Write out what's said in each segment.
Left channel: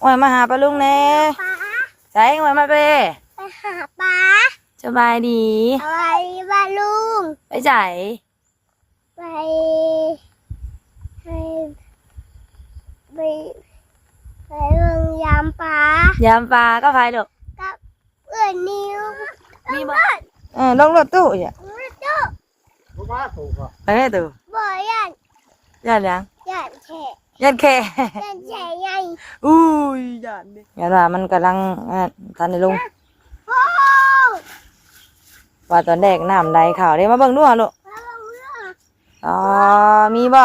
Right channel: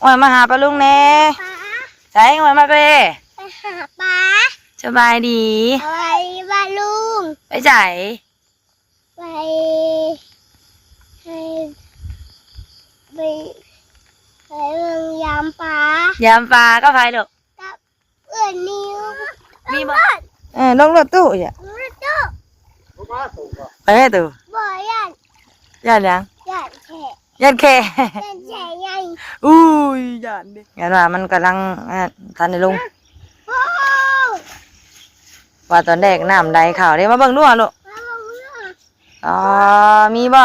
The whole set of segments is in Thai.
โอ้ยมาหาปลาลุงแน่ใช่โอ้ยมาเป้ไปหาปลาสบายดีอะไรปลาลุงไปใส่ไปให้ไปไปเมืองยามปลายามปลาก็ไปดอกกับเพื่อนนิวมีบ่ลงรถตู้จ้ะไปให้ตู้บ่ยันยันยังยันแฉะยันแค่ยันแฉะไงอุ้ยยันดิยันว่ามันกำลังทันได้ลงว่าตอนแรกน้ำใดข่าวได้มาเบิ่งด้วยลูกอ๋อมีบ่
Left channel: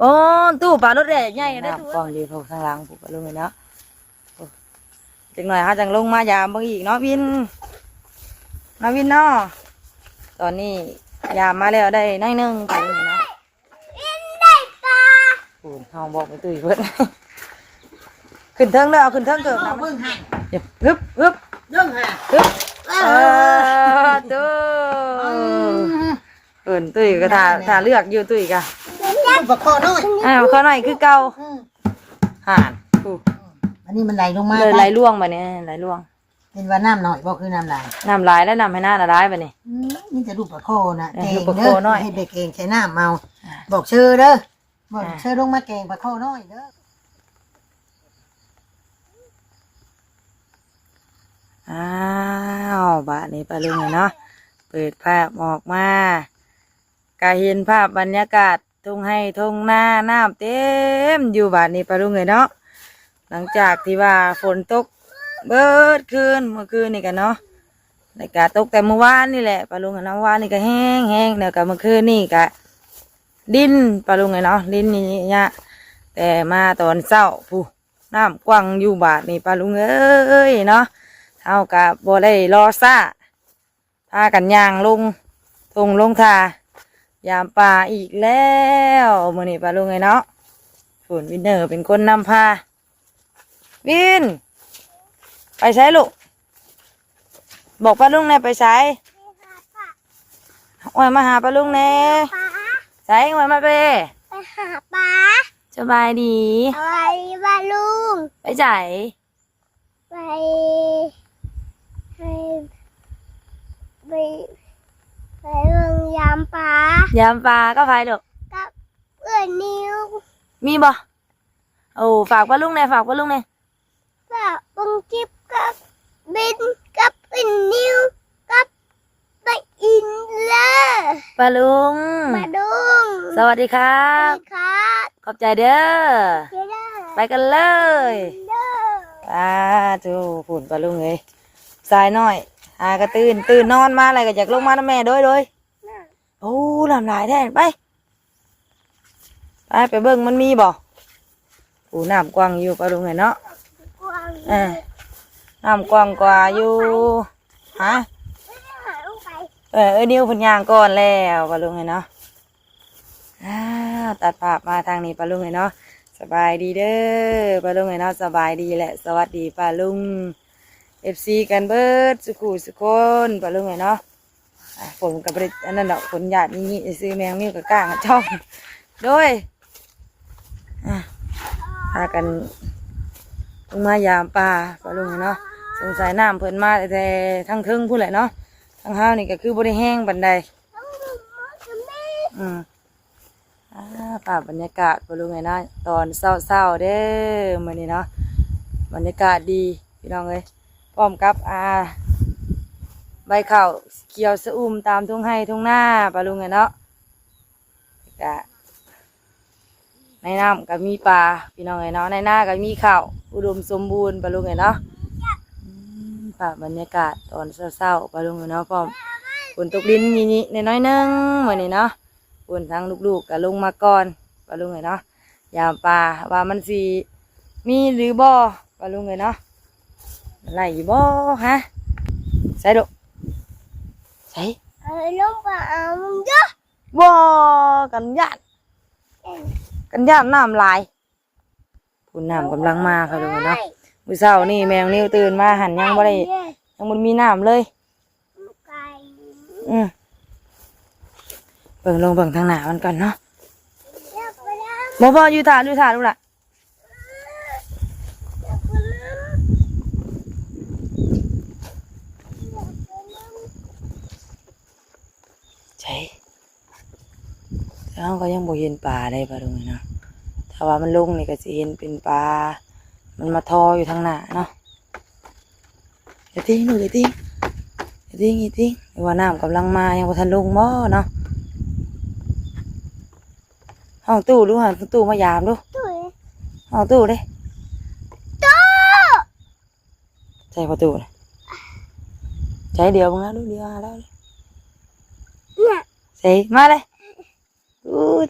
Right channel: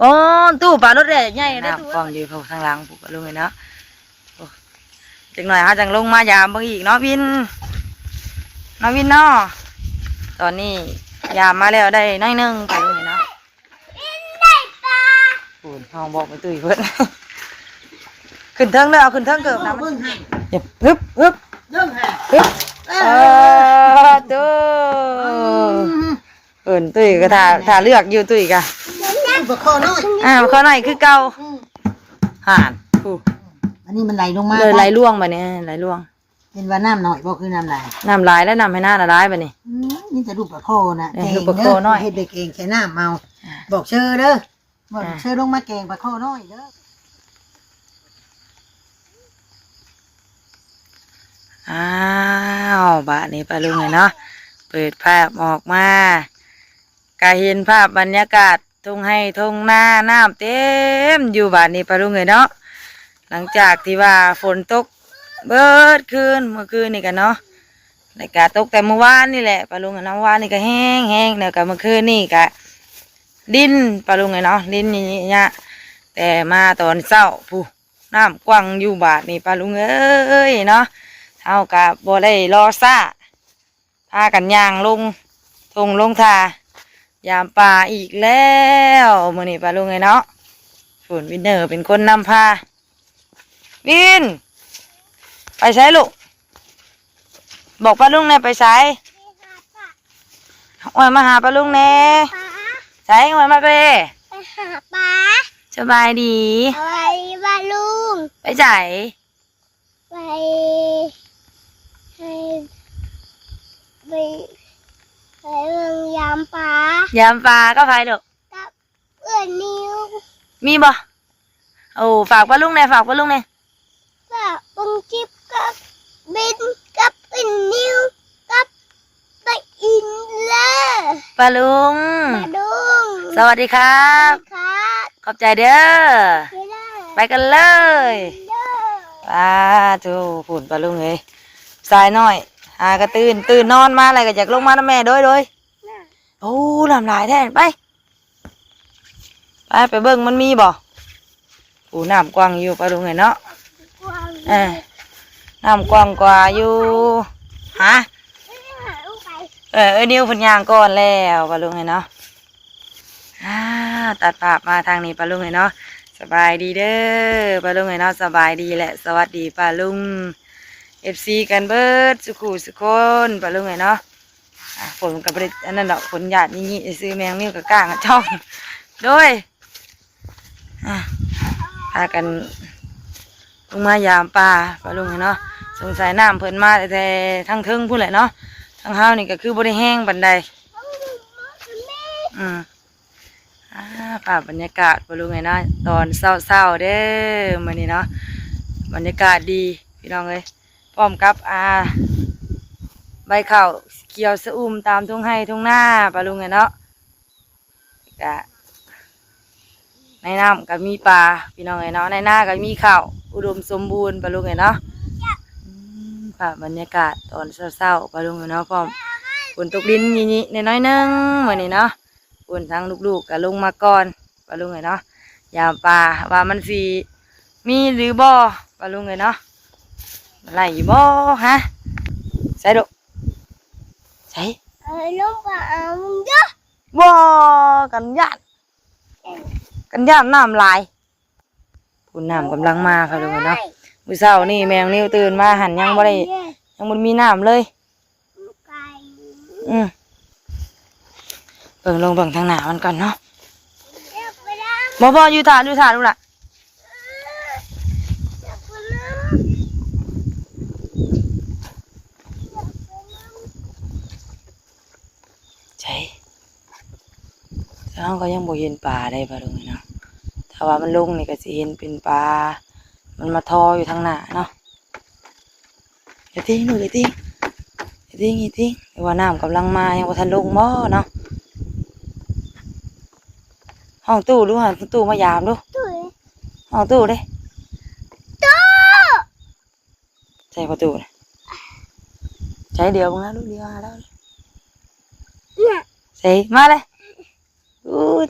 โอ้ตู้ปลารถแร่ใหญ่ได้ตู้กองอยู่ข้างหลังปุ๊บลงเลยเนาะจังหน่อยฮะจังลงมายามเบิ่งอีกเนาะวินน้องวินเนาะตอนนี้ยามมาแล้วได้น้อยนึงไปลงเลยเนาะได้ปลาปูนห้องบอกไปตุ้ยเพิ่นขึ้นเทิงเลยเอาขึ้นเทิงเกิบนะมันฮึบตู้ตุ้ยก็ถ่าเลือกอยู่ตุ้ยกะข้อน้อยข้อหน่อยคือเก่าห่านอันนี้มันไหลลงมาเลยไหลล่วงไปเนี่ยไหลล่วงเป็นว่าน้ำหน่อยบ่คือน้ำไหลแล้วน้ำให้หน้าร้ายไปนี่นี่จะรูปปลาโคนะเองเด้อให้เด็กเองใช้น้ำเมาบอกเชื่อเด้อบอกเชื่อลงมาแกงปลาโคน้อยเด้ออ้าวบ้านนี้ปลาลุงเลยเนาะเปิดภาพออกมาก็เห็นภาพบรรยากาศทุ่งให้ทุ่งนาน้ำเต็มอยู่บ้านนี้ปลาลุงเลยเนาะหลังจากที่ว่าฝนตกเบิดคืนเมื่อคืนนี่กันเนาะในกาตกแต่เมื่อวานนี่แหละปลาลุงเนาะวานนี่ก็แห้งเดี๋ยวกับเมื่อคืนนี่ก็ดินปลาลุงเลยเนาะดินนี่เนี่ยแต่มาตอนเช้าผู้น้ำกว้างอยู่บ้านนี่ปลาลุงเอ้ยเนาะเท่ากับบ่ได้รอซ่าพากันย่างลงทงลงทายามป่าอีกแล้วมื้อนี้ปลาลุงเลยเนาะฝนวินเนอร์เป็นคนนำพาวินไปใช้ลูกบอกปลาลุงแน่ไปใช้โอ้ยมาหาปลาลุงแน่ใช้โอ้ยมาเป้ไปหาปลาสบายดีอะไรปลาลุงไปใส่ไปให้ไปไปเมืองยามปลายามปลาก็ไปดอกกับเพื่อนนิวมีบ่โอ้ฝากปลาลุงแน่ฝากปลาลุงแน่ฝากบังจิบกับบินกับอินนิวกับไปอินเลปลาลุงสวัสดีครับขอบใจเด้อไปกันเลยป้าทูผุ่นปลาลุงเลยสายน้อยหากระตื่นนอนมาอะไรก็อยากลงมาน้ำแม่โดยโอ้ลำลายแท้ไปเบิ่งมันมีบ่ปูน้ำกว้างอยู่ปลาลุงเลยเนาะน้ำกว้างกว่าอยู่ฮะนิ้วพันยางก่อนแล้วปลาลุงเลยเนาะตัดภาพมาทางนี้ปลาลุงเลยเนาะสบายดีเด้อปลาลุงเลยเนาะสบายดีแหละสวัสดีปลาลุงFC กันเบิดสุขุสุคนปลาลุงเลยเนาะฝนกับบริอันนั้นดอกฝนหยาดนี่ซื้อแมงนิ้วกับก้างช่องโดยพากันลงมายามปลาปลาลุงเนาะสงสัยน้ำเพิ่นมาแต่ทั้งเทิงพูดแหละเนาะทั้งห้าวนี่ก็คือบริแห้งบันไดภาพบรรยากาศปลาลุงเนาะตอนเศร้าเด้อมื้อนี้เนาะบรรยากาศดีพี่น้องเลยพร้อมกับใบข้าวเขียวสะอุ่มตามทุ่งไร่ทุ่งนาปลาลุงเนาะกะในน้ำก็มีปลาพี่น้องเนาะในนาก็มีข้าวอุดมสมบูรณ์ปลาลุงเนาะภาพบรรยากาศตอนเศร้าปลาลุงเนาะพร้อมฝนตกดินนี่ในน้อยนึงมื้อนี้เนาะฝนทั้งลูกๆก็ลงมาก่อนปลาลุงเนาะยามปลาว่ามันสิมีหรือบ่ปลาลุงเนาะไหลบ่ฮะใส่ดุใส่ลงปลาเยอะบ่กันญาติน้ำลายคุณน้ำกำลังมาค่ะลุงเนาะมื้อเช้านี่แมงนิ้วตื่นมาหันยังบ่ได้ยังบ่มีน้ำเลยลงเบิ่งทางหน้ามันก่อนเนาะ บ่อยู่ถ่าลูกล่ะใช่แล้วก็ยังบ่เห็นปลาได้ปลาตรงนี้เนาะถ้าว่ามันลงนี่ก็สิเห็นเป็นปลามันมาทออยู่ทางหน้าเนาะอย่าทิ้งหนูอย่าทิ้งว่าน้ำกำลังมายังบ่ทันลงบ่เนาะห้องตู้ดูห้องตู้มายามดู ตุ้ย ห้องตู้เด้ ตู้ ใช่ประตูนะใช้เดียวมึงนะลูกเดียวมาแล้ว น่ะ ใส่มาเลย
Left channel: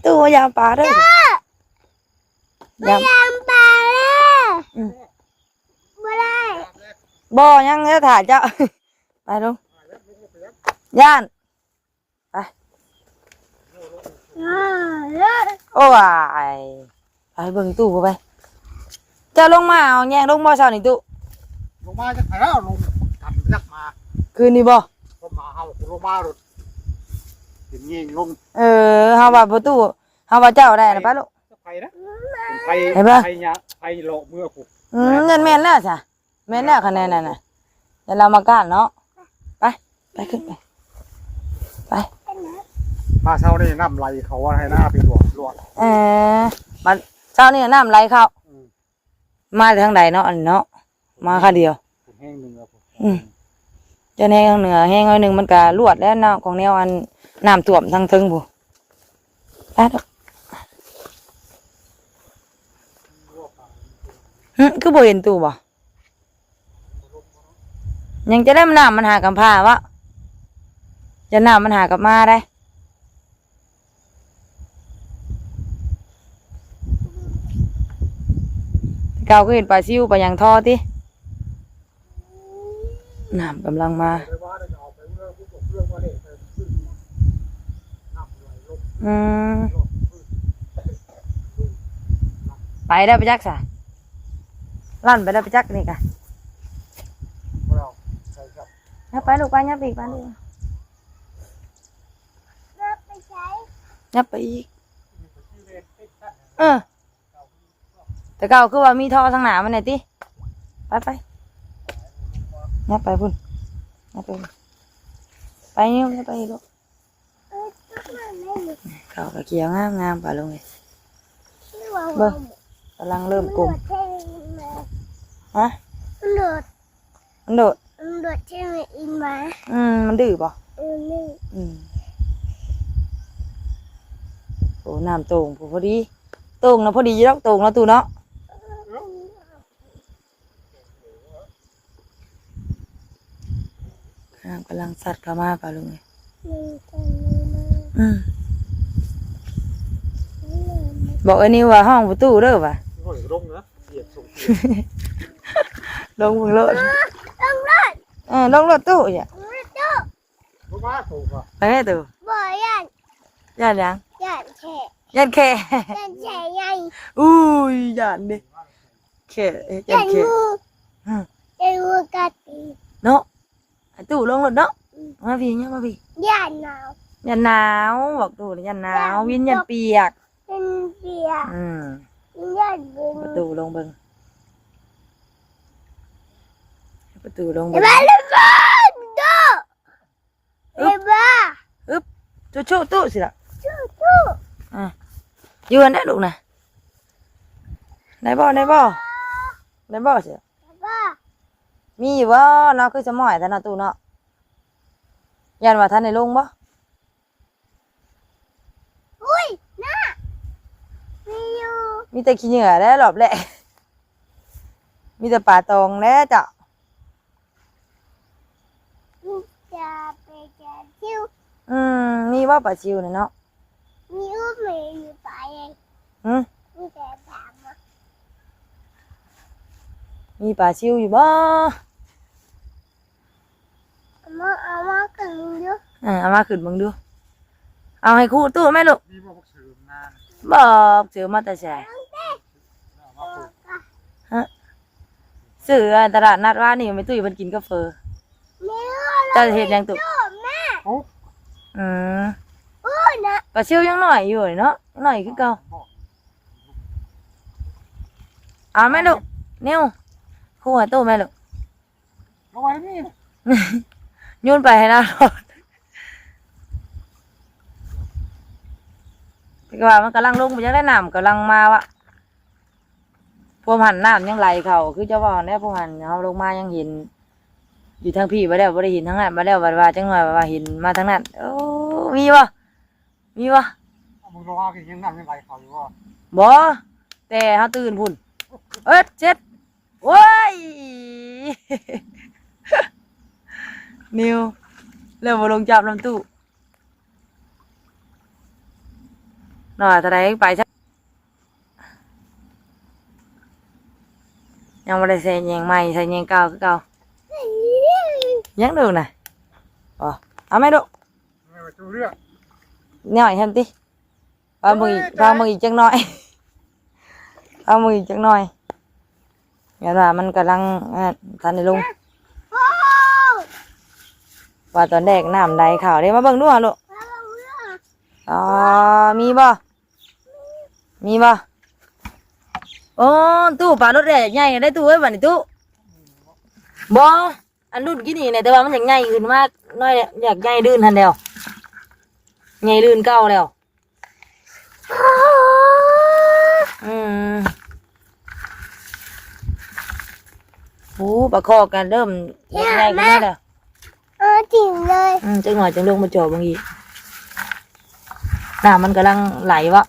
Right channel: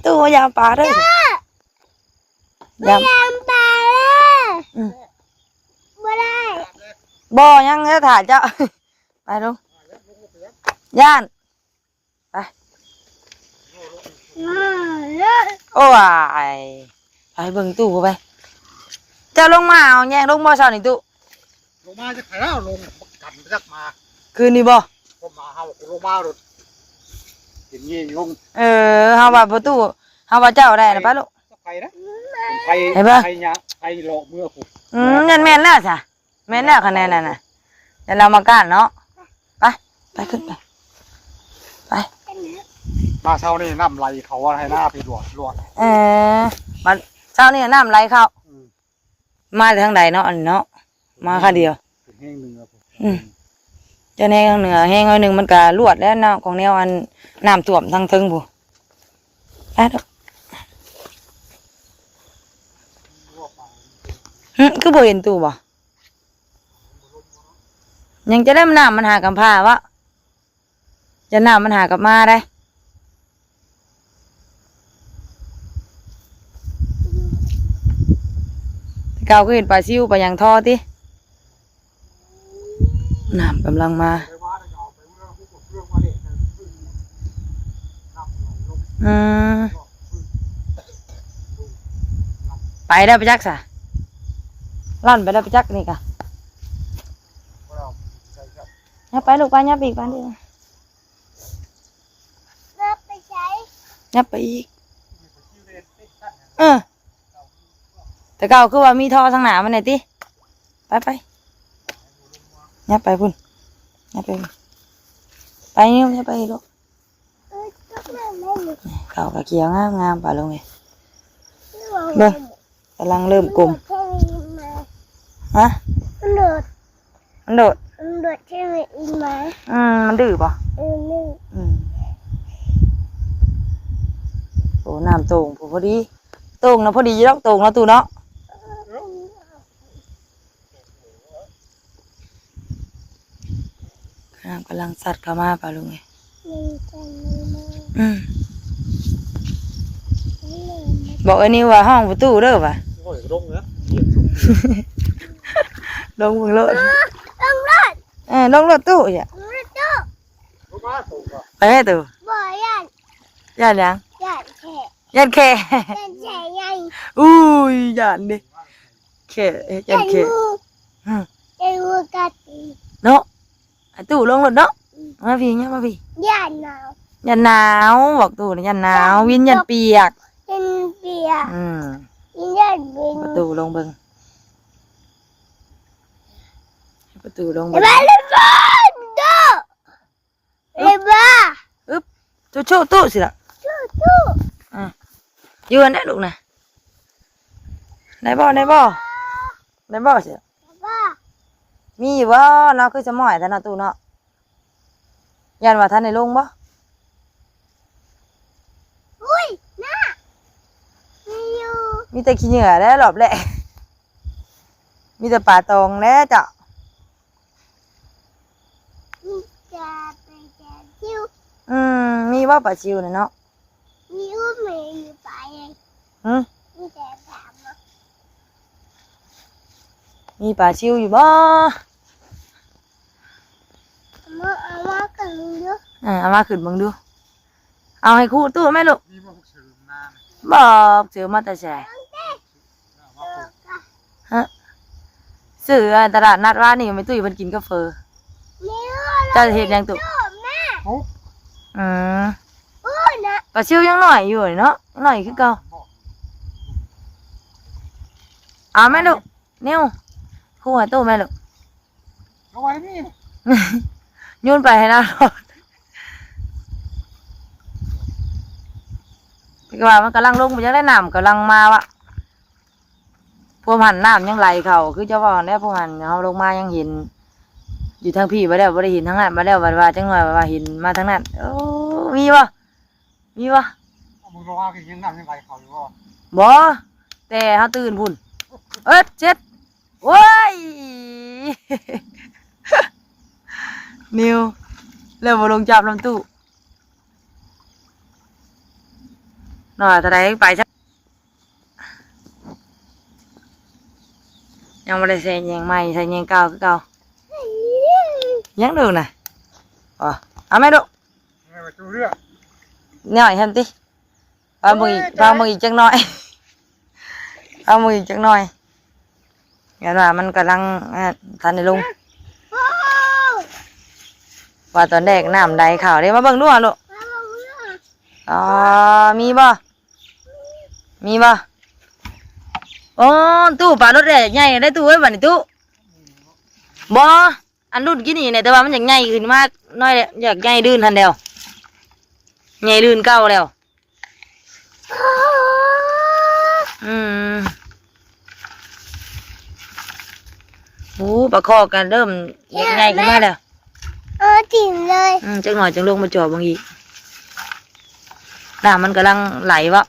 ตู้มายามปลาเด้อยาม ยามปลาเลยบ่ได้ บ่อยังเงี้ยถ่ายเจ้า ไปลงย่านไป เลย โอ้ยไปเบิ่งตู้ไปเจ้าลงมาเอาแยงลงบ่อเช้านี่ตู้ ลงมาจะขายแล้วลงกันจักมา คืนนี้บ่ ผมมาเฮาลงมาโดดเห็นงี้ลง เฮาว่าประตูเฮาว่าเจ้าได้นะไปลูก ไปนะไป เห็นปะ ไปเนี่ยไปหลอกเมื่อกู นั่นแม่นแล้วจ้ะแม่นแล้วคะแนนนั่นน่ะเดี๋ยวเรามาก้านเนาะไปขึ้นไป มาเช้านี่น้ำไหลเขาว่าให้หน้าไปหลวด มาเช้านี่น้ำไหลเข้ามาทางใดเนาะอันเนาะมาค่าเดียว เป็นแห้งหนึ่งครับ เจะแห้งทางเหนือแห้งหน่อยหนึ่งมันก็ลวดแล้วเนาะของแนวอันน้ำท่วมทางทึงผู้ไปเด้อคือบ่เห็นตู้บ่ยังจะได้น้ำมันหากับผ้าวะจะน้ำมันหากับมาได้เก่าก็เห็นปลาซิวปลายังทอติน้ำกำลังมาไปได้ไปจักสะลั่นไปได้ไปจักนี่กะยับไปลูกไปยับอีกไปลูก นับไปใช้ ยับไปอีกแต่เก่าคือว่ามีท่อทางหนามันไหนติไปยับไปพุ่นยับไปนี่ยับไปลูก ตุ๊กนั่นเลย เก่ากับเกียวงามป่ะลงเลย เบิ่ง กำลังเริ่มกลมฮะ มันโดด มันโดด ใช่ไหมอินไหม มันดื้อป่ะ นี่ โอ้น้ำโต่งพอดีโต่งนะพอดีแล้วโต่งแล้วตูเนาะน้ำกำลังสัดเข้ามาป่ะลุงเลยบอกอันนี้ว่าห้องประตูเด้อป่ะ โอ้ยลงนะเหยียบสูง ลงมึงโลด ต้องรอด ลงรถตู้อย่า ตู้ ลงมาสูงอ่ะ ไปให้ตู้ บ่ยัน ย่านยัง ยันแค่ ย่านแค่ ยันแช่ยัน อุ้ยย่านดิแค่ย่านแค่ ยันมือกัดตี เนาะไอ้ตู้ลงรถเนาะมาพี่เนี่ยมาพี่ ยันหนาว ยันหนาวบอกตู้นะยันหนาววินยันเปียก ยันเปียก ยันบิน ประตูลงเบิงประตูลงเบิง มาเลยบ้านตู้เลยบ้า ตู้โชว์ตู้สิล่ะ ตู้ ยืนได้ลูกนะได้บ่สิ บ้า มีอยู่บ่เนาะคือจะหม่อยแต่เนาะตู้เนาะยันว่าท่านในลงบ่ อุ้ยน่ามีอยู่ มีแต่ขี้เหงื่อแล้วหลอบแหละมีแต่ป่าตองแล้วจ้ะ จะไปจะชิว มีว่าป่าชิวน่ะเนาะ มีอุ้มมีอยู่ไปเอง มีแต่ถามว่า มีป่าชิวอยู่บ่ เอามากันเยอะ เอามาขึ้นเบิ่งดูเอาให้ครูตู้แม่ลูก นี่ว่าพวกสืมนา บอกเสือมาแต่แช่เสือตลาดนัดว่านี่ไม่ตุ้ยมันกินกาแฟ เนี่ย จะเห็นยังตุ แม่ ปุ๊บ อืม โอ้ยนะ ปลาชิวยังหน่อยอยู่เนาะหน่อยคือเก่า เอาแม่ลูกนิ้วคู่หัวตู้แม่ลูก เอาไว้นี่ โยนไปให้เราโลดพี่ก็ว่ามันกำลังลงไปยังได้น้ำกำลังมาวะพวกหันน้ำยังไหลเขาคือเจ้าว่าเนี่ยพวกหันเขาลงมายังเห็น อยู่ทางพี่มาแล้วไม่ได้เห็นทางนั้นมาแล้วว่าจังหน่อยว่าเห็นมาทางนั้นโอ้มีวะมีวะ มึงบอกว่ากินยังน้ำยังไหลเขาอยู่บ่ บ่แต่เขาตื่นพุ่นเจ็ดโว้ย นิวเริ่มมาลงจับลำตู้หน่อยทนายไปใช่ยังไม่ได้ใส่ยังใหม่ใส่ยังเก่าคือเก่ายังดูน่ะอ๋อเอาไหมดู ไม่ไปดูเรื่อง หน่อยทำติพามืออีกจังหน่อย พามืออีกจังหน่อยงั้นว่ามันกำลังทันในลุง โอ้ ว่าตอนแรกน้ำใดข่าวได้มาเบิ่งดูอ่ะลูก แล้วเรื่อง อ๋อมีบ่มีบ่โอ้ตู้ปลารถแดกใหญ่ได้ตู้ไว้บัดนี้ตู้บ่อันรุ่นกี่นี่เนี่ยแต่ว่ามันอยากใหญ่ขึ้นมากน้อยอยากใหญ่ลื่นทันเดียวใหญ่ลื่นเก่าแล้วอืมโอ้ปลาคอกันเริ่มอยากใหญ่ขึ้นมาแล้ว จริงเลย จังหน่อยจังลงมาจอบบางทีน้ำมันกำลังไหลวะ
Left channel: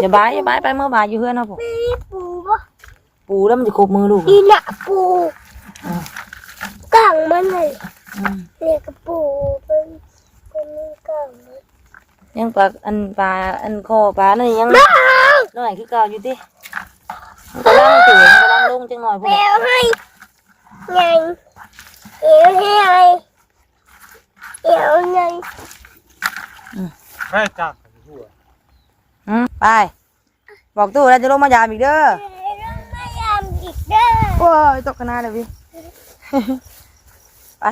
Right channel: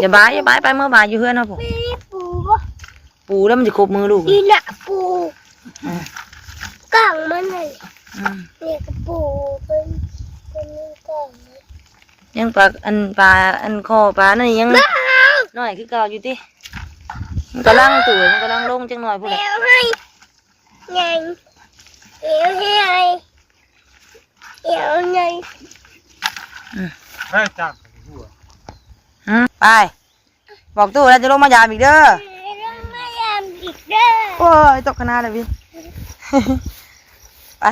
อย่าบายไปเมื่อบายอยู่เพื่อนนะผม ไม่ได้ปูปะ ปูแล้วมันจะครบมือลูก อีน่ะปู อืม กล่องมันเลย อืม เรียกกับปูเป็นกล่องเลย ยังปลาอันคอปลานั่นยังน้อยคือเก่าอยู่ติมันกำลังตื่นกำลังลงจังหน่อยพวก แม นี้ วให้ไงเอวให้ไงเอวไง ไม่จับไปหัว ไปบอกตู้แล้วจะลงมายามอีกเด้อ ต้องไม่ยามอีกเด้อ โอ้ยตกขนาดเลยพี่ ไป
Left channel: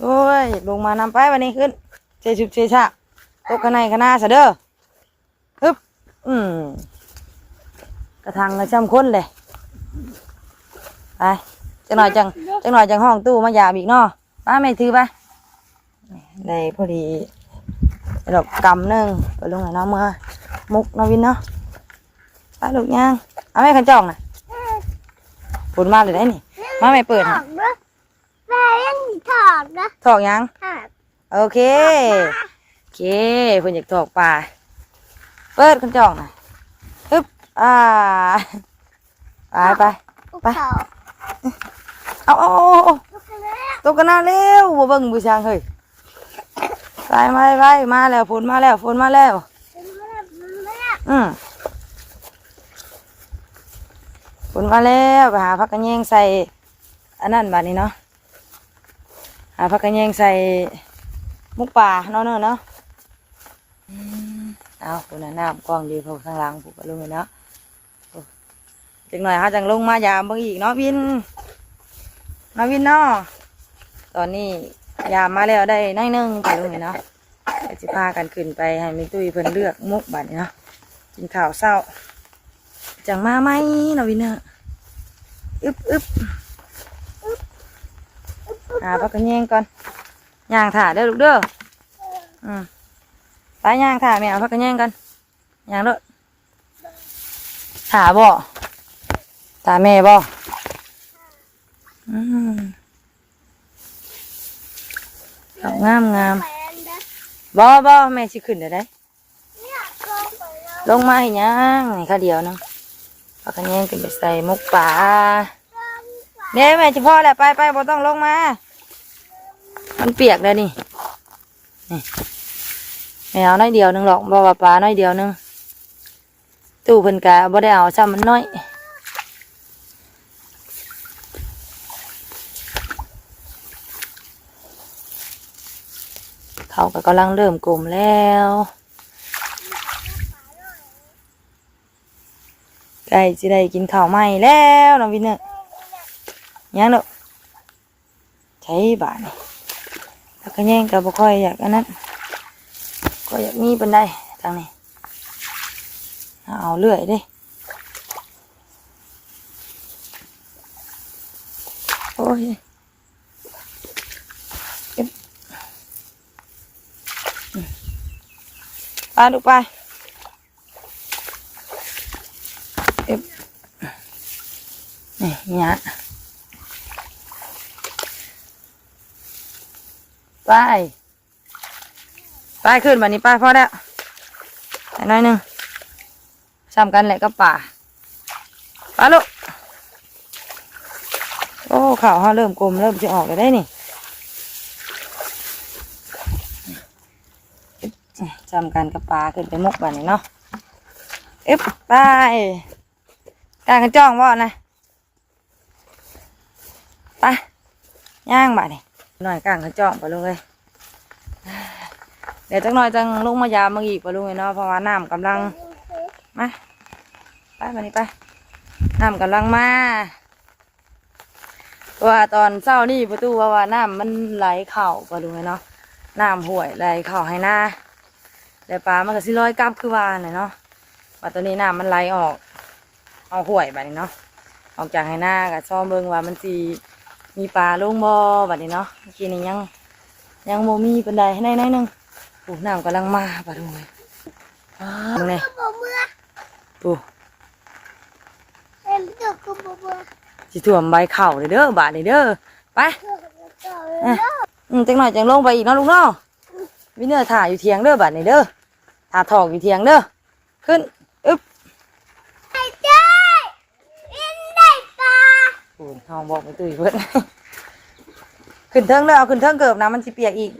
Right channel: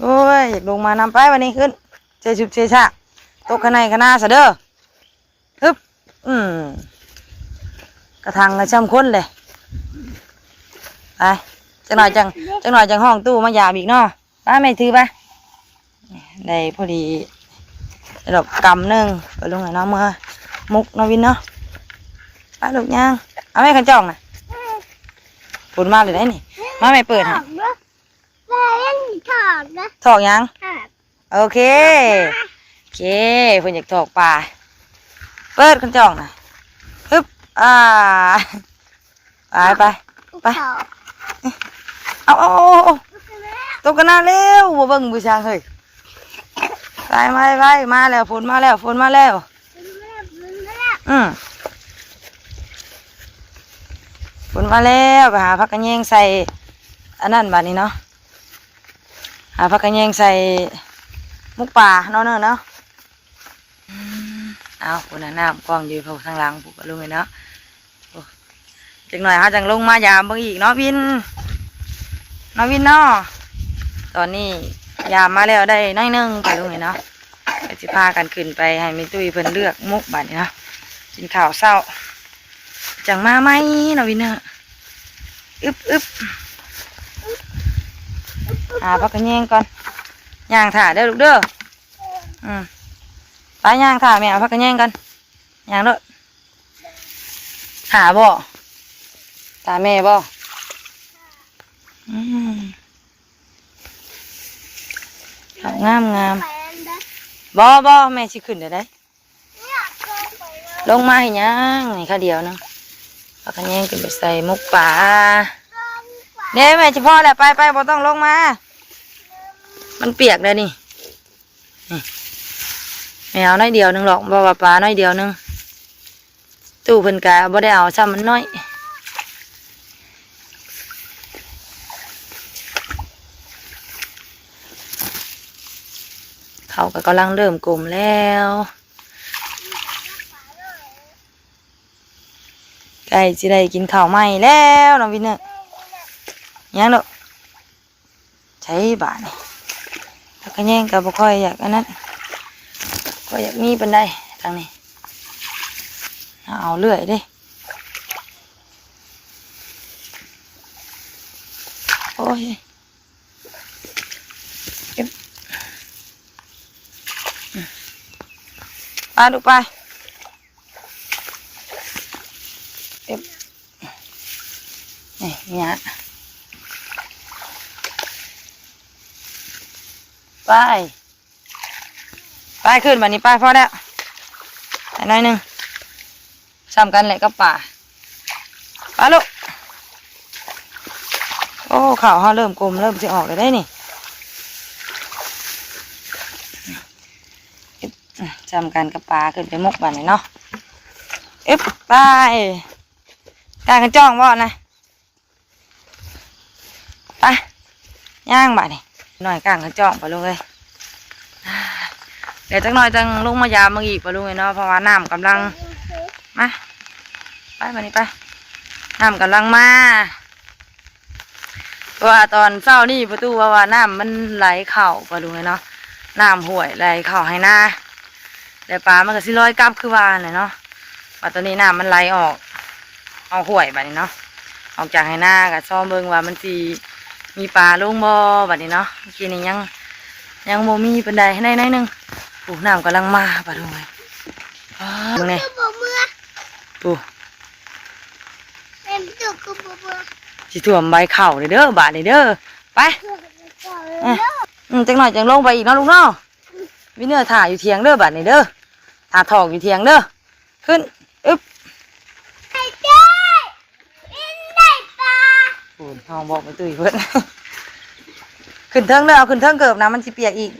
โอ้ยอยากลงมานำไปวันนี้ขึ้นเชชุบเชชะตกขนาดขนาดซะเด้อฮึบกระทังกระช่ำค้นเลยไปจังหน่อยจังห้องตู้มายามอีกเนาะไปไม่ถือไปได้พอดีดอกกำหนึ่งไปลงไหนเนาะเมื่อมุกเนาะวินเนาะไปลูกย่างเอาแม่ขันจ่องน่ะฝนมาเลยได้นี่มาไม่เปิด ถ ฮะ อกนะแม่ยังถอกนะ ถอกยัง ถอก โอเคเพิ่นอยากถอกปลาเปิดขันจ่องน่ะฮึบไป ไป ถอก เอา ลูกแม่ ตกกันหน้าเร็วบ่เบิ่งบูชางเฮ้ยไปมาแล้วฝนมาแล้ว แม่แม่ ฝนมาแล้วก็หาผักกระแยงใส่อันนั้นบัดนี้เนาะหาผักกระแยงใส่มุกป่าเนาะเนาะเอาฝนน้ำกล้องอยู่ทางหลังผูกกระลุงเลยเนาะจังหน่อยฮะจังลงมายามเบิ่งอีกเนาะวินเนาะวินเนาะตอนนี้ยามมาแล้วได้น้อยนึงกระลุงเลยเนาะก็สิพากันขึ้นไปให้แม่ตุ้ยเพิ่นเลือกมุกบัดนี้เนาะกินข้าวเช้าจังมาไหมเนาะวินเนาะอึบหาพักกันแยงก่อนย่างถ่าเด้อลูกเด้อไปย่างถ่าแม่เอาพักกันแยงกันย่างเด้อหาบ่ตาแม่บ่งามบ่แม่สิขึ้นได้ลงมาให้ย่างให้ข้าเดียวนึงพักกันแยงขึ้นไปใส่มุกป่าเนี่ยแม่เฉพาะแหละไปบ่ต้องลงมามันเปียกเลยนี่แม่เอาน้อยเดียวนึงหรอกบ่ว่าปลาน้อยเดียวนึงตู้เพิ่นกะบ่ได้เอาซ้ำมันน้อยเขาก็กำลังเริ่มกลมแล้วใกล้จะได้กินข้าวใหม่แล้วน้องวินเนอร์ยังเด้อใช้บาทนี่ถ้าก็แย่งกับบ่ค่อยอยากอันนั้นก็อยากมีเป็นได้ทางนี้เอาเลื่อยดิ ยเก็บไปลูกไปเก็บนี่เนี่ยไปขึ้นมานี่ไปพอแล้วไปหน่อยหนึงซ้ำกันแหละกับป่าไปลูกโอ้ข่าวเขาเริ่มกลมเริ่มจะออกเลยได้นี่ซ้ำกันกับป่าขึ้นไปมุกบ้านนี่เนาะไปการกันจ้องว่านะไปย่างบ้านนี่หน่อยกลางกันจ้องไปลูกเลยเดี๋ยวจักหน่อยจังลงมายามมาอีกไปลุงเนาะเพราะว่าน้ำกำลังมาไปมานี่ไปน้ำกำลังมาว่าตอนเช้านี่ประตูว่าน้ำมันไหลเข่าไปลุงเนาะน้ำห่วยไหลเข่าให้หน้าแต่ปลามันก็สิลอยกลับคือว่าเลยเนาะว่าตอนนี้น้ำมันไหลออกเอาห่วยแบบนี้เนาะออกจากให้หน้ากับซ้อมเบิ่งว่ามันสีมีปลาลงบ่แบบนี้เนาะเมื่อกี้นี้ยังโมมีเป็นใดให้ได้หนึงปูน้ำกำลังมาปะดูเลยมึงไง คือบ่เมื่อ ปู เป็นตัวคือบ่เมื่อ สิถ่วมใบเข่าเลยเด้อบาทเลยเด้อไป เจ้าเลยเนาะ จังหน่อยจังลงไปอีกเนาะลุงเนาะวิเนื้อถ่าอยู่เทียงเด้อบาทเลยเด้อถ่าทองอยู่เทียงเด้อขึ้นไอ้เจ้ยเป็นได้ปลา ปูห้องบอกไปตุ้ยเพิ่น ขึ้นเทิงเด้อเอาขึ้นเทิงเกิบนะมันสิเปียกอีก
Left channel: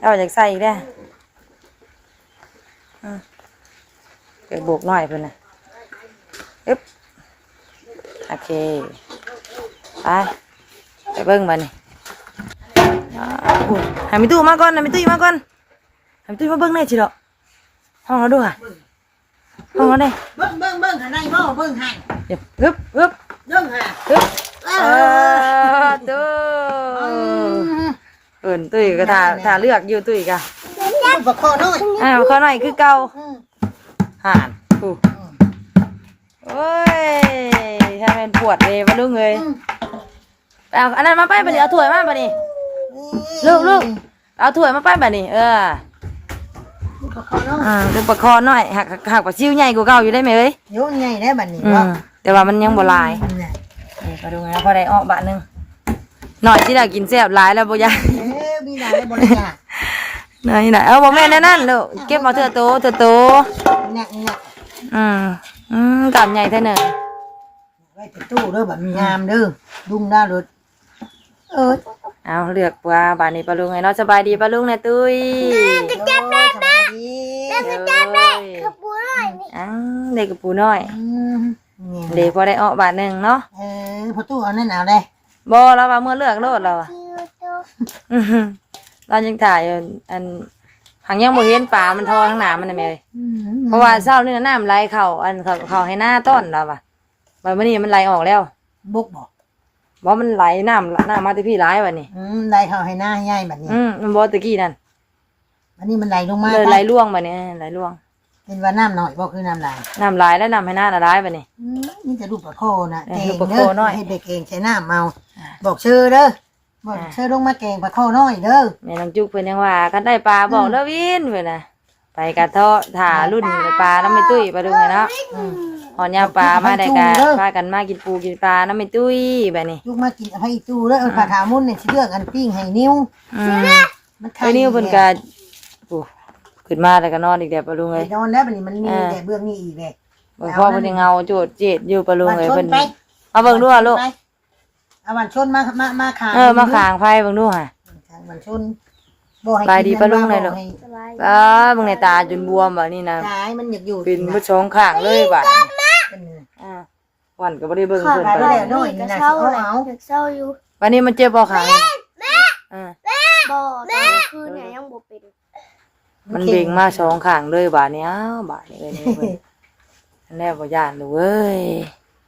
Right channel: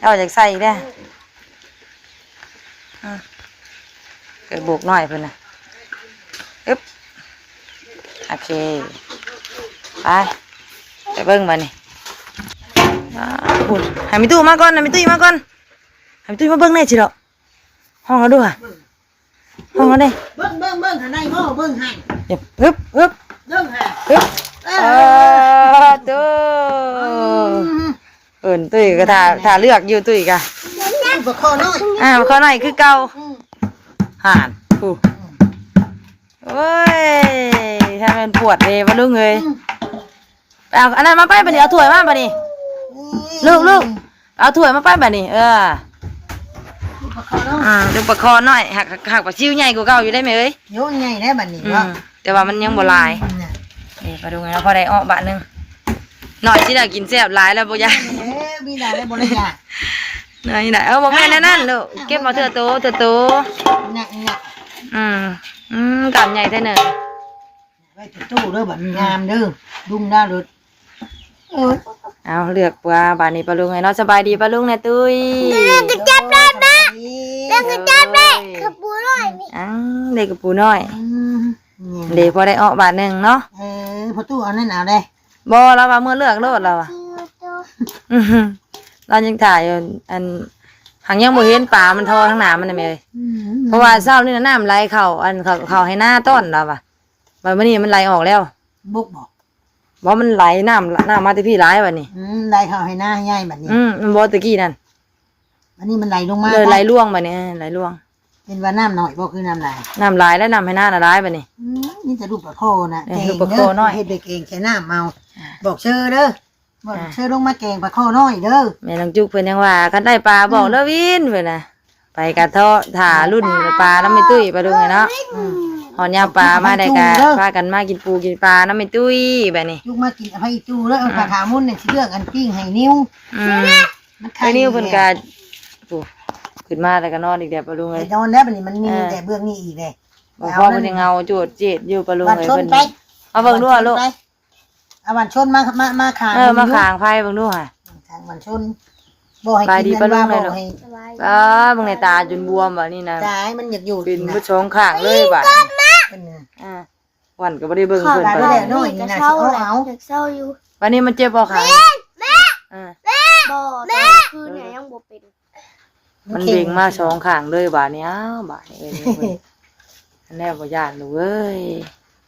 เอาจากใส่อีกเด้อเกิดโบกหน่อยเพิ่นนะโอเคไปเบิ้งมานี่ให้มีตู้มาก่อนให้มีตู้มาก่อนให้มีตู้มาเบิ้งแน่จิเหรอห้องเขาด้วยห้องเขาเนี่ย เบิ่งข้างในหม้อเบิ่งให้ เดี๋ยวเบิ่งให้ ตู้ตุ้ยก็ถ่าเลือกอยู่ตุ้ยกะ บ่คอน้อย เขาหน่อยคือเก่าห่านปูโอ้ยถ้ามันปวดเลยมาลุงเลยเอาอันนั้นมาป้ายบันนี้เอาถ้วยมาบันนี้ลูกเอาถ้วยมาป้ายบันนี้บ่คอน้อย ดูประคอหน่อยหักปลาซิวใหญ่กว่าเก่าอยู่ได้ไหมเอ้ย โยนใหญ่ได้บัดนี้ว่า แต่ว่ามันยังบ่ลายนี่มาดูไงพอได้อ้อบะนึงหน่อยที่ได้กินแซ่บหลายแล้วบ่ยาย มีได้แล้วบ่ได้ยาก ไหนเอาบ่แม่นั่นลูกเก็บมาเถอะโตหนัก กำใหญ่แท้เนอะ ไว้ตู้เด้อบัดงามเด้อดุ้งดาวรถเอาเลือกปลาบานนี้ปลาลุงไงเนาะสบายดีปลาลุงนะตุ้ย ก็จับได้นะ แล้วก็จับได้คือปูน้อยนี่ เด็กกับปูน้อยเด็กพอได้ออกบาทหนึ่งเนาะพอตู้เอานั่นเอาได้ บ่เราว่าเมื่อเลือกโลดเราอ่ะ คือตัว เรายังถ่ายอันหางยังบ่เห็นปลามันทอทั้งหนามันน่ะแม่เพราะว่าเช้านี่น้ำไหลเข้าเข้าให้หน้าต้นเราอ่ะบัดมื้อนี้มันไหลออกแล้ว บุกบอกบ่มันไหลน้ำมาที่พี่ไหลบัดนี้ไหลเข้าให้หน้าให้ใหญ่บัดนี้มันบ่ตะกี้นั่น อันนี้มันไหลลงมาเลยไหลล่วงบัดนี้ไหลล่วงเป็นว่าน้ำหน่อยบ่คือน้ำไหลแล้วน้ำให้หน้าน่ะไหลบัดนี้นี่จะรูปปลาโคนะเองเฮ็ดเด็กเองใช้น้ำเมาบอกชื่อเด้อบอกชื่อลงมาแกงปลาโคน้อยเด้อแม่น้องจุกเพิ่นยังว่าคันได้ปลาบอกเด้อวินเพิ่นน่ะไปกะเทาะถ่ารุ่นปลาน้ำไม่ตุ้ยปลาดุงเนาะหอนยาวปลามาได้กะพากันมากินปูกินปลาน้ำไม่ตุ้ยแบบนี้ยุกมากินอภัยจูแล้วปลาขามุนเนี่ยที่เลือกอันปิ้งให้นิ้วไอ้นิ้วเพิ่นกะปูขึ้นมาแล้วก็นอนอีกเดี๋ยวปลาดุงเลยนอนแล้วบัดนี้มันมีแต่เบื้องนี้อีกเลยบ่พอเพิ่นยังเงาโจดเจ็ดอยู่ปลาดุงเลยเพิ่นเอาเบิ่งดูลูกเอาวันชนมาขางมาขางไฟเบิ่งดูค่ะวันชนบ่ให้ ไปดีปลาดุงเลยลูกสบาย เบิ่งในตาจนบวมแบบนี้นะ ตายมันอยากอยู่เป็นบ่สองข้างเลยบัดวันก็บ่ได้เบิ่งเพิ่นไป จะเศร้าแหละจะเศร้าอยู่ วันนี้มันเจ็บบ่ขาบ่ตอนคืนเนี่ยยังบ่เป็นมันเบ่งมาสองข้างเลยบาดนี้บาดนี้เลยอันแรกบ่ย่านเลยเว้ย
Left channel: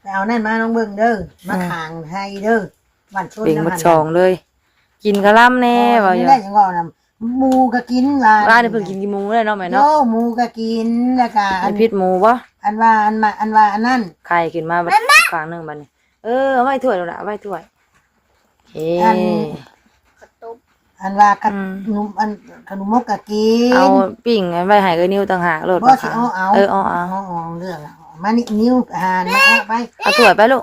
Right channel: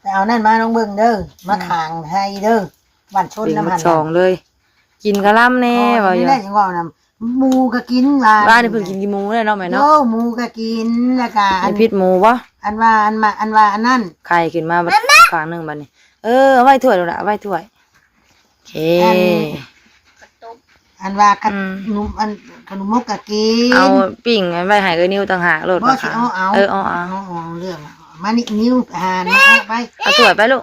แต่เอานั่นมาน้องเบิ่งเด้อมาขางให้เด้อวันชนน้ำมันสองเลยกินกะล่ำแน่บ่อยู่ได้ยังว่านํหมูก็กินบ้านนี่เพิ่นกินกี่หมูได้เนาะแม่เนาะหมูก็กินแล้วก็อันพิษหมูบ่อันว่าอันนั้นไข่ขึ้นมาข้างนึงบัดนี้เอาไว้ถ้วยแล้วล่ะเอาไว้ถ้วย เค อันว่าข อืม นมอันขนมมกกะกิน เอาปิ้งไว้ให้เอ้ยนิ้วต่างหากโลด บ่ ปลา สิ ขาว เอา เอา เอาเรื่องอะมานี่นิ้วหานมาเอาไป เอาถ้วยไปลูก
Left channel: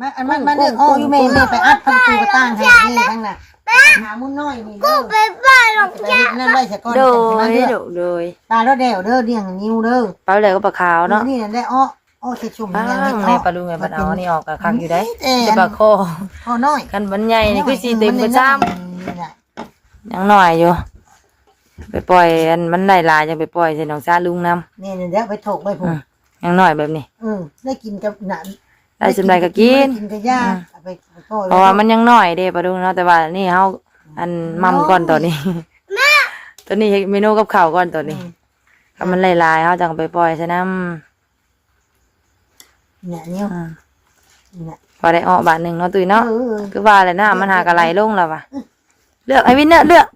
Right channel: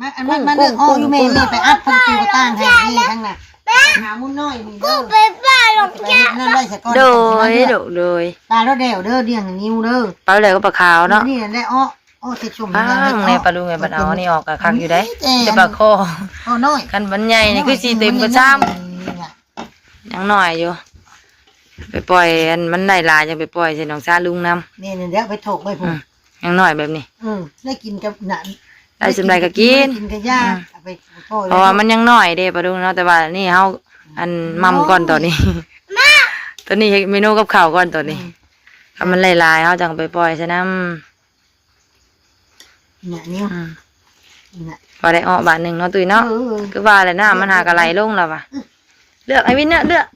มาอันนั้นมาเด้ออ้ออยู่แม่แม่ไปอัดพันตูกระตั้งให้นี่ทั้งน่ะหามุนน้อยนี่เด้อ ไปบ้านหรอก ไปนั่นไว้ซะก่อน โดยโดย ปลาแล้วเด้วเด้อเลี้ยงนิ้วเด้อ ปลาเลยก็ปลาขาวเนาะ นี่แหละอ้อสิชุ่ม อ้างในปลาลุงไงปลาเอานี่ออกกะคักอยู่ได้ แต่ จะปลาคอ ข้าวน้อย กันบันใหญ่นี่คือสิเต็มกระจ้ำ นี่น่ะ ยังน้อยอยู่ไปปล่อยอันมันได้หลายจะไปปล่อยใส่น้องซาลุงนำ นี่เดี๋ยวไปถกไปพุ่น ยังน้อยแบบนี้ ได้กินกับน่ะ ได้สำไรก็กิน กินกับย่าเอาไปพ่อ เพราะว่ามันยังน้อยเด้ปลาลุงเนาะแต่ว่านี่เฮาอันมัมก่อนตอนนี้ตอนนี้เฮ็ดเมนูกับข้าวก่อนตอนนี้ถ้ามันหลายๆเฮาจังไปปล่อยใส่น้ำ เนี่ยนิ้ว อืม น่ะ พอได้ออกบาทหนึ่งเนาะตุ้ยเนาะคือว่าแหละน้ามันหากระไหลลงแล้วว่ะเลือกไอ้วินเนอร์เลือก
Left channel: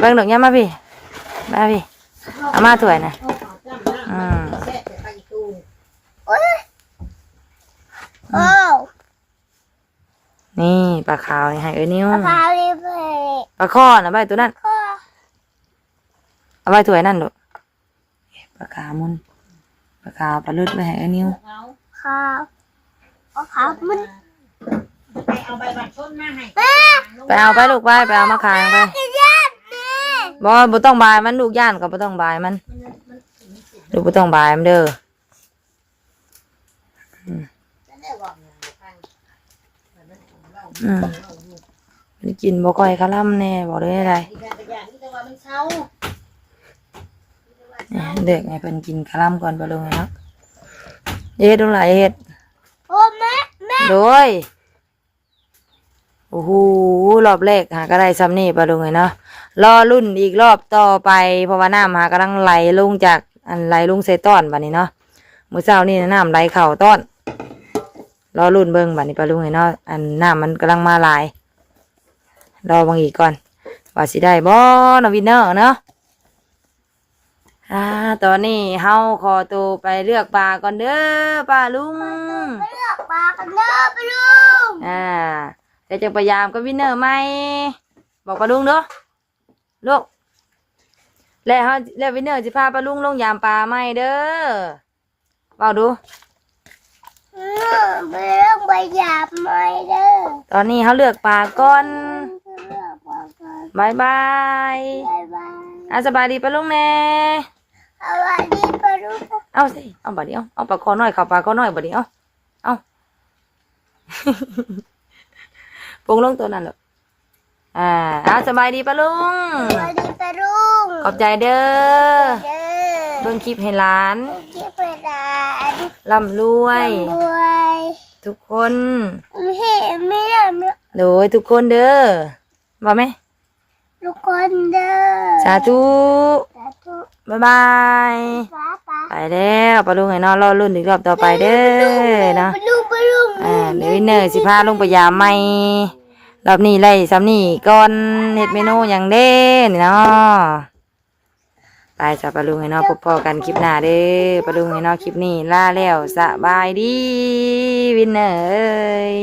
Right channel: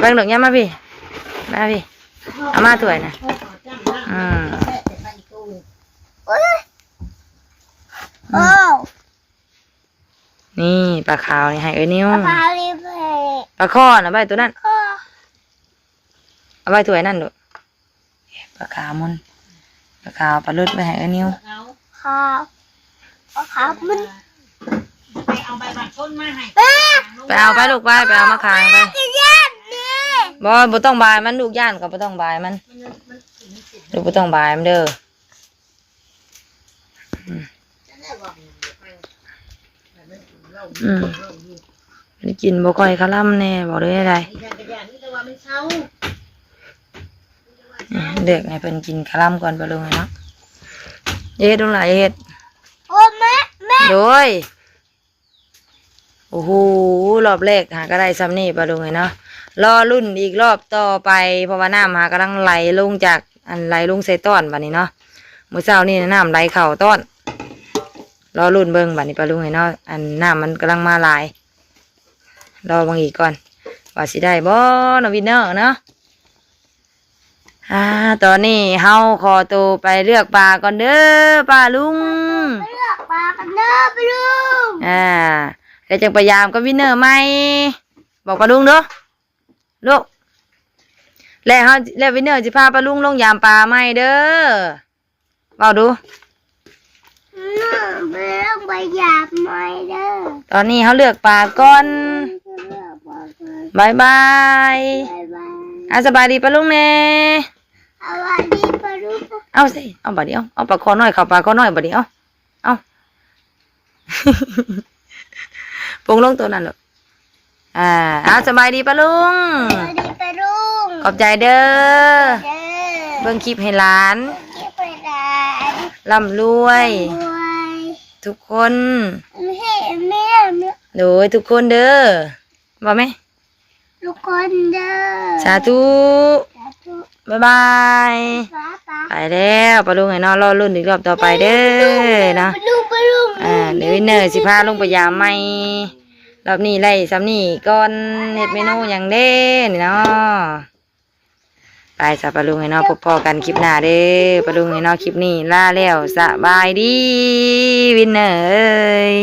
เบิ่งดอกยามมาพี่มาพี่เอามาถ้วยหน่อยอืม โอ้ นี่ปลาขาวนี่ให้เอ้ยนิ้ว พาลีไป ปลาข้อนะใบตัวนั้น ก็ เอาไว้ถ้วยนั่นดูปลาขาวมุนปลาขาวปลาลุดไปให้เอ้ยนิ้ว ข้าวเอาข้าวมัน ไปเอาใบบัตรชนมาให้ ไปเอาไปลูกไปเอามาขางไป จะยากเนี่ย บ่ต้องบายมันลูกย่านก็บ่ต้องบายมันลูกบ่ต้องบายมันเด้ออืมมันกินบ่ค่อยคล่ำแน่บอกเลยอะไรเด็กให้เพิ่นกินคล่ำก่อนไปลงเลยเนาะเฮ็ดตรงไหนเฮ็ด โอ้แม่แม่ โดยโอ้โหรอบแรกหาก็ได้ซ้ำนี่ไปลงเลยเนาะรอรุ่นอีกรอบต่อไปเพราะว่าน้ำหากำลังไหลลงจากอันไหลลงใส่ต้อนบัดนี้เนาะมื้อเช้านี่น้ำไหลเข่าต้อนรอรุ่นเบิ่งบัดนี้ไปลงเลยเนาะอันน้ำมันกำลังมาหลายรอบางอีกก่อนว่าสิได้บ่เนาะวินเนอร์เนาะตอนนี้เฮาขอตัวไปเลือกปลาก่อนเด้อป้าลุง ไปเลือกปลากันเด้อไปลุง เดี๋ยวจะพยายามกับวินเนอร์ไหมบอกป้าลุงเด้อลูกแล้ววินเนอร์จะพาป้าลุงลงยามปลาไหมเด้อบอกดู ไปเลือกใบหยาบไหมเด้อ ตอนนี้เขาเลือกปลาก่อน เลือกปลากัน บายบาย บ๊ายบาย สบายดีป้าลุงแน่ สวัสดีปลาลุง เอาสิเอาบัดเดียวเอาปลาคอน้อยเข้าปลาคอน้อยบัดเดียวเอา ปรุงลงตัวนั้นหรอกสบายดีป้าลุง สวัสดีปลาลุง ขอบใจเด้อ เด้อ เบิ่งคลิปให้หลาน ที่ไปร้าน ร่ำรวย ด้วย ทุกคน ไม่เห็นแม่ โดยทุกคนเด้อบอกไหม ลูกคนเด้อ สาธุ สาธุ บ๊ายบาย ป้าป้า ไปแล้วปลาลุงไอ้เนาะรอรุ่นอีกรอบต่อไปเด้อเนาะ ปลาลุงปลาลุง เดี๋ยววินเนอร์สิพาลงไปยามใหม่รอบนี้ไล่ซ้ำนี่ก่อนเฮ็ดเมนูอย่างเด้นี่เนาะไปจ้ะปลาลุงไอ้เนาะพบพอกันคลิปหน้าเด้อปลาลุงไอ้เนาะคลิปนี้ลาแล้วสบายดีวินเนอร์เอ้ย